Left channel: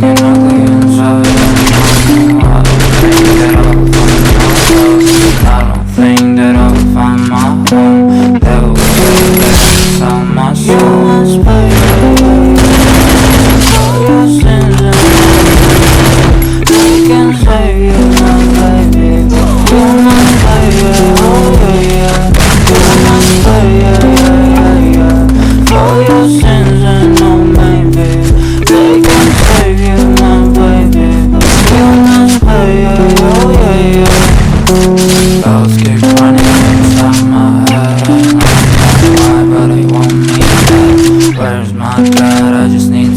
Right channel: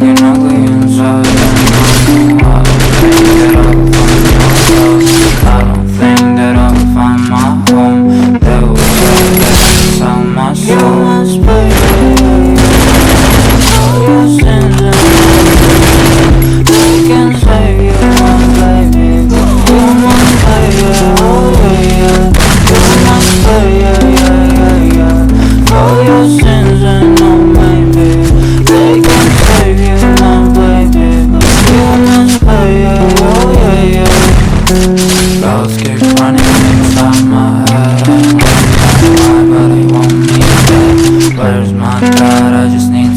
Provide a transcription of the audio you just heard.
fucking ugly inside. I don't think that I will find my home. That will sell my soul. You must pay all your sins and they can save you, my baby. You must pay, oh yeah, yeah. You must pay, yeah. For your sins and no maybe they can save you, my baby. You must pay, oh yeah. Thoughts keep running inside my head. I don't know why, but I won't need that. Where's my God? I just need